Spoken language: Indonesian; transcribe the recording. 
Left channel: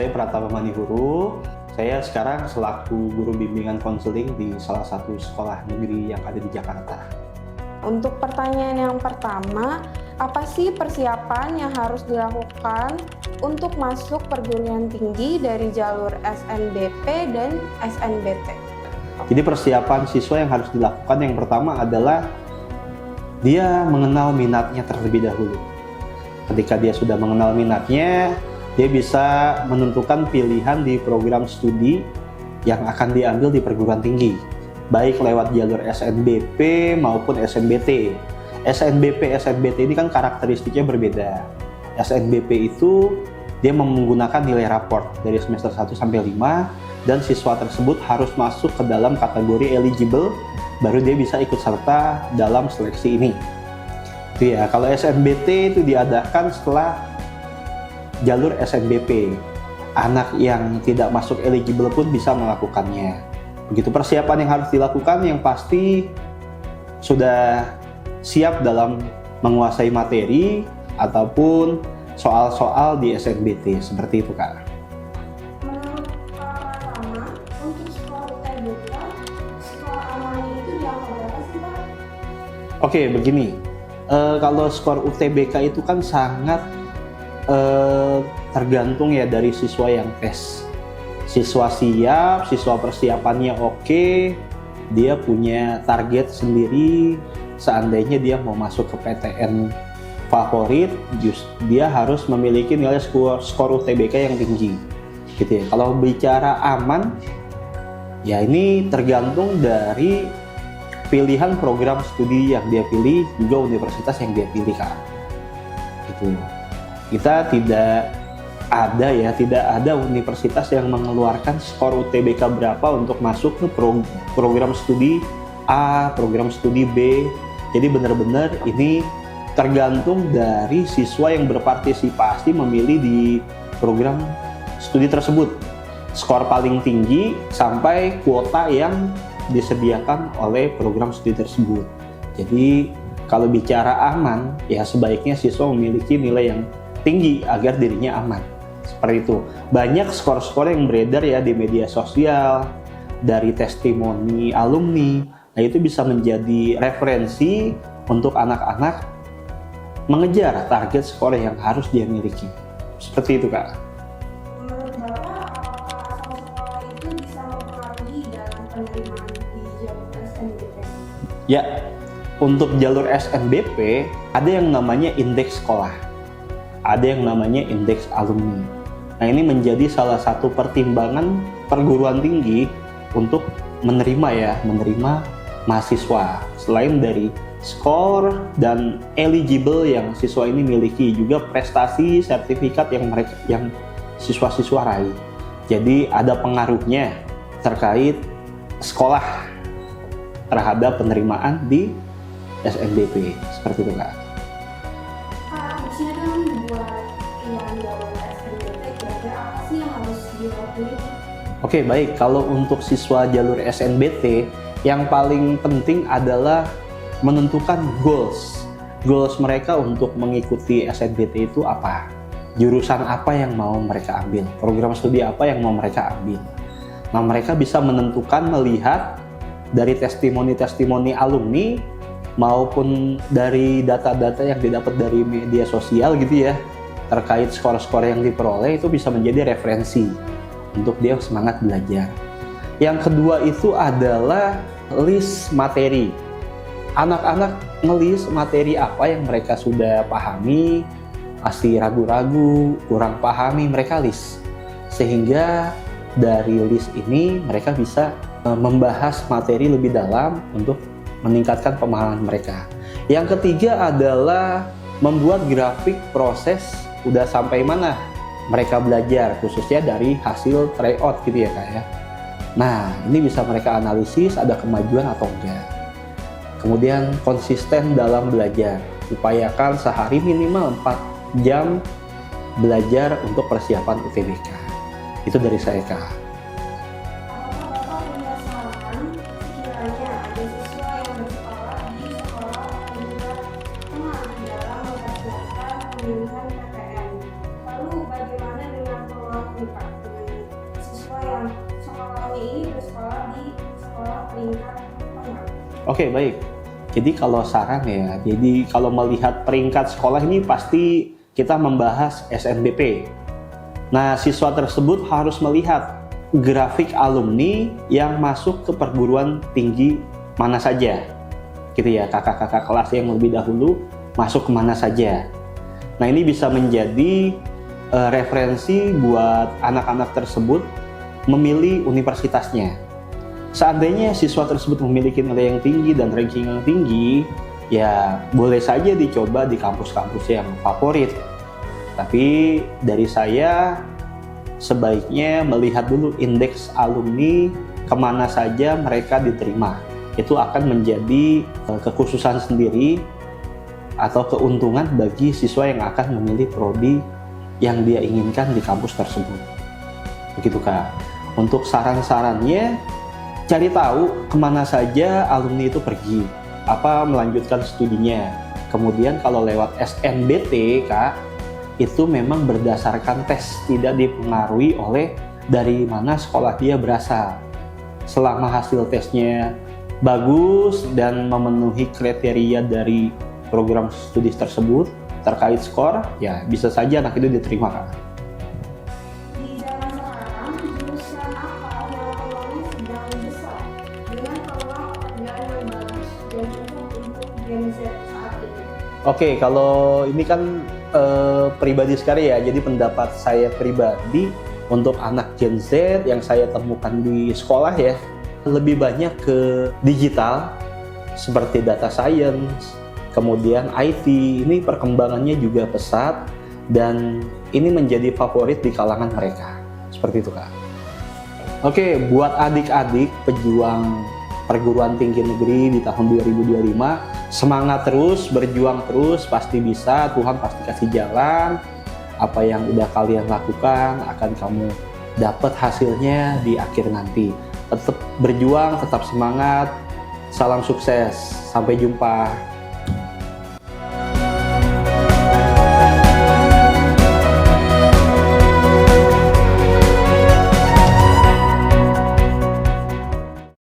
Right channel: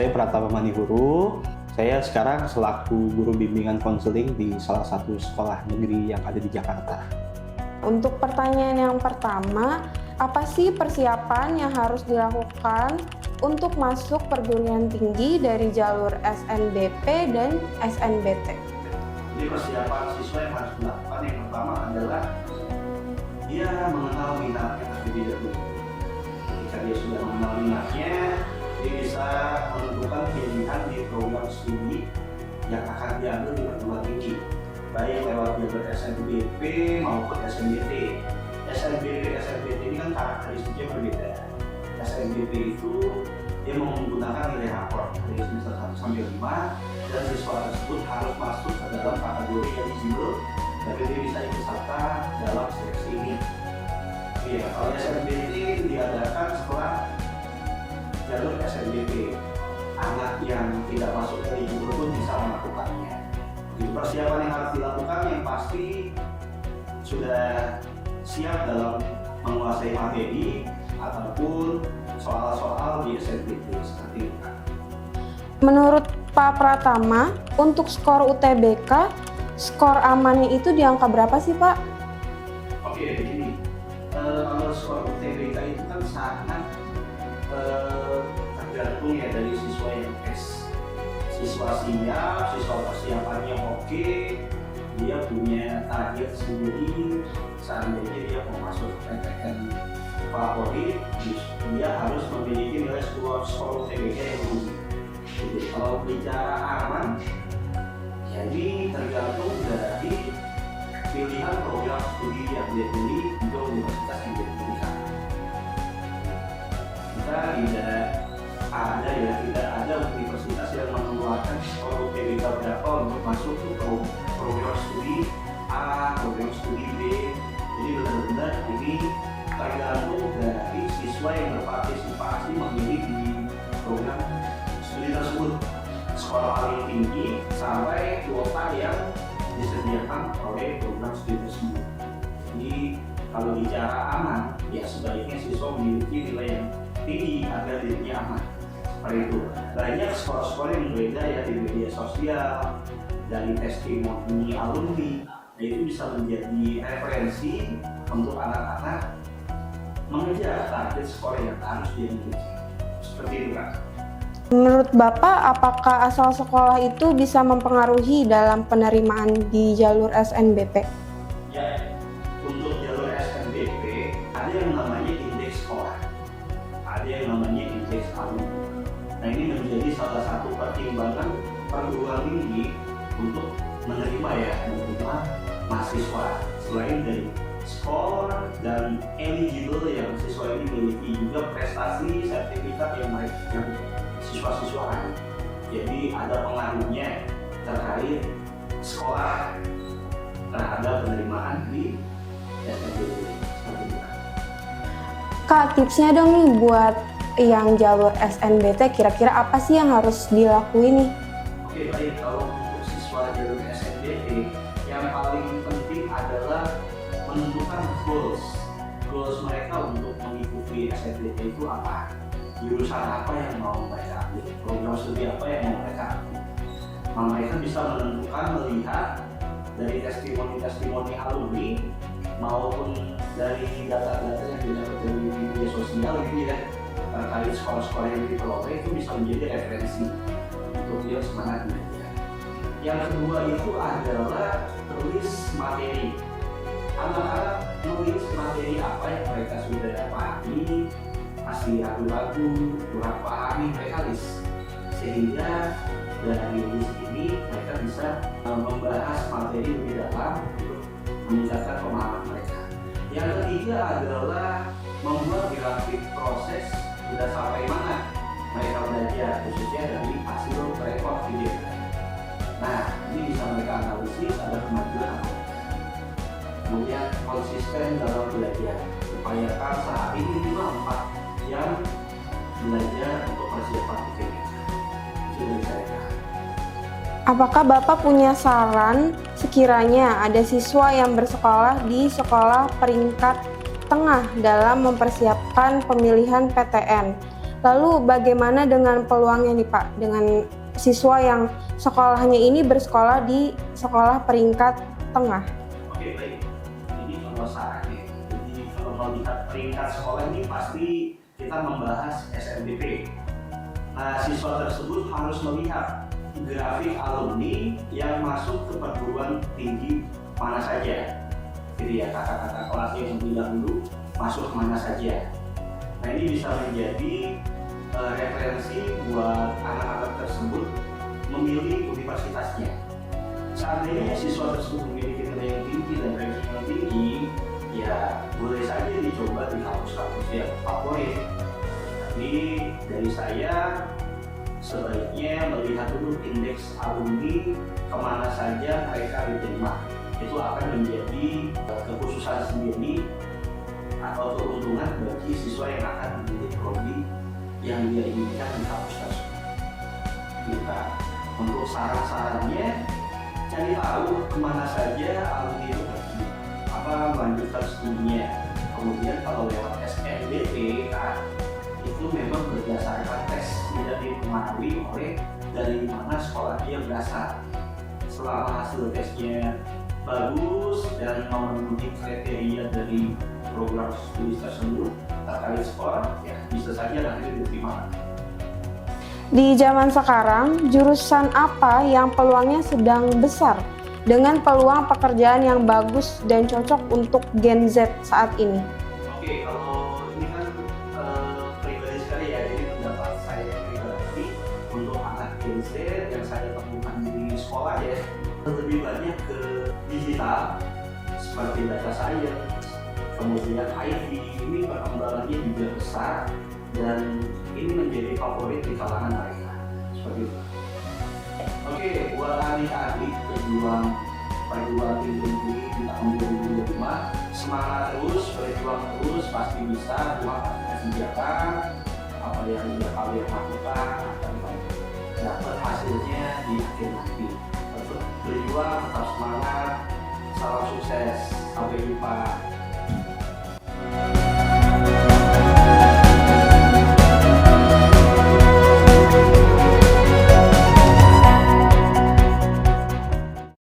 saya Pratama Manihuru. Saya sekarang selaku guru bimbingan konseling di salah satu sekolah negeri yang ada di Jakarta. Untuk pertanyaan yang pertama, apa sih persiapan yang harus dilakukan untuk masuk perguruan tinggi dari jalur SNBP dan SNBT? Jadi persiapan siswa yang harus dilakukan yang pertama adalah dia mengenal minatnya terlebih dahulu. Ketika dia sudah mengenal minatnya, dia bisa menentukan pilihan di program studi yang akan diambil di perguruan tinggi, baik lewat jalur SNBP maupun SNBT. SNBP, SNBT ini kan karakteristiknya berbeda. SNBP itu dia menggunakan nilai raport dari semester 1 sampai 5 dan siswa tersebut harus masuk ke dalam kategori eligible baru dia bisa ikut serta dalam seleksi ini. Ya, kalau SNBT itu diadakan setelah jalur SNBP. Anak yang tidak masuk eligible pun bisa melakukannya. Begitu persiapan yang harus dilakukan, yang pasti sudah siap dalam menguasai materi ataupun soal-soal di SNBT, seperti itu Kak. Menurut Pak Pratama, untuk skor UTBK, skor amannya itu di angka berapa sih Pak? Oke, begini. Kalau skor UTBK itu kan sangat tergantung ya dari siswa yang tes. Siswa siap, siswa persiapannya oke, dia punya target sendiri. Seandainya dia mau masuk ke PTN favorit, dia harus memiliki nilai skor UTBK yang tinggi. Gitu ya. Kalau bicara aman, ya ini tergantung dari pilihan program studi yang dia pilih, juga universitas yang dia pilih Kak. Gitu. Kita tidak ada universitas yang mengeluarkan skor UTBK berapa untuk masuk ke program studi A, program studi B. Jadi benar-benar ini tergantung dari siswa yang berpartisipasi memilih di program studi tersebut. Skor paling tinggi sampai kuota yang disediakan oleh program studi tersebut. Jadi kalau bicara aman, ya sebaiknya siswa memiliki nilai yang tinggi agar dirinya aman. Seperti itu. Banyak skor-skor yang beredar ya di media sosial, dari testimoni alumni. Nah, itu bisa menjadi referensi untuk anak-anak mengejar target skor yang harus dia miliki. Seperti itu Kak. Menurut Bapak, apakah asal sekolah itu bisa mempengaruhi dalam penerimaan di jalur SNBP? Ya, untuk jalur SNBP ada yang namanya indeks sekolah, ada yang namanya indeks alumni. Nah, ini menjadi salah satu pertimbangan perguruan tinggi untuk menerima mahasiswa. Selain dari skor dan eligible yang siswa ini miliki, juga prestasi sertifikat yang siswa-siswa raih. Jadi ada pengaruhnya terkait sekolah terhadap penerimaan di SNBP, seperti itu Kak. Kak, tipsnya dong nih buat yang jalur SNBT, kira-kira apa sih yang harus dilakuin nih? Oke, baik. Kalau untuk siswa jalur SNBT, yang paling penting adalah menentukan goals mereka untuk mengikuti SNBT itu apa, jurusan apa yang mau mereka ambil, program studi apa yang mau mereka ambil. Nah, mereka bisa menentukan melihat dari testimoni-testimoni alumni maupun dari data-data yang didapat dari media sosial gitu ya, terkait skor-skor yang diperoleh, itu bisa menjadi referensi untuk dia semangat belajar. Yang kedua itu adalah list materi. Anak-anak ngelis materi apa yang mereka sudah pahami, masih ragu-ragu, kurang pahami, mereka list. Sehingga dari list ini mereka bisa membahas materi lebih dalam untuk meningkatkan pemahaman mereka. Yang ketiga adalah membuat grafik proses udah sampai mana mereka belajar, khususnya dari hasil tryout gitu ya Kak ya. Nah, ini bisa mereka analisis ada kemajuan atau enggak. Kemudian konsisten dalam belajar, upayakan sehari minimal 4 jam belajar untuk persiapan UTBK. Itu dari saya Kak. Apakah Bapak punya saran sekiranya ada siswa yang bersekolah di sekolah peringkat tengah dalam mempersiapkan pemilihan PTN? Lalu bagaimana dengan peluangnya nih Pak, dengan siswa yang sekolahnya ini bersekolah di sekolah peringkat tengah? Oke, baik. Jadi kalau saran ya, jadi kalau melihat peringkat sekolah ini pasti kita membahas SNBP. Nah, siswa tersebut harus melihat grafik alumni yang masuk ke perguruan tinggi mana saja. Gitu ya, kakak-kakak kelas yang lebih dahulu masuk kemana saja. Nah, ini bisa menjadi referensi buat anak-anak tersebut memilih universitasnya. Seandainya siswa tersebut memiliki nilai yang tinggi dan ranking yang tinggi, ya boleh saja dicoba di kampus-kampus yang favorit. Tapi dari saya, sebaiknya melihat dulu indeks alumni kemana saja mereka diterima. Itu akan menjadi kekhususan sendiri atau keuntungan bagi siswa yang akan memilih prodi yang dia inginkan di kampus tersebut. Begitu Kak. Untuk saran-sarannya, cari tahu kemana saja alumni itu pergi, apa melanjutkan studinya. Kemudian kalau lewat SNBP Kak, itu memang berdasarkan tes, tidak dipengaruhi oleh dari mana sekolah dia berasal. Selama hasil tesnya bagus dan memenuhi kriteria dari program studi tersebut terkait skor, ya bisa saja anak itu diterima Kak. Di zaman sekarang, jurusan apa yang peluangnya sedang besar dengan peluang pekerjaan yang bagus dan cocok untuk Gen Z saat ini? Oke, kalau ini kan pribadi sekali ya, jadi pendapat saya pribadi untuk anak Gen Z yang saya temukan di sekolah ya, lebih banyak ke digital seperti data science, kemudian IT, ini perkembangannya juga pesat dan ini menjadi favorit di kalangan mereka. Seperti itu Kak. Oke, buat adik-adik pejuang perguruan tinggi negeri di tahun 2025, semangat terus, berjuang terus, pasti bisa, Tuhan pasti kasih jalan. Apa yang udah kalian lakukan akan kamu dapat hasilnya di akhir nanti. Tetap berjuang, tetap semangat, salam sukses, sampai jumpa.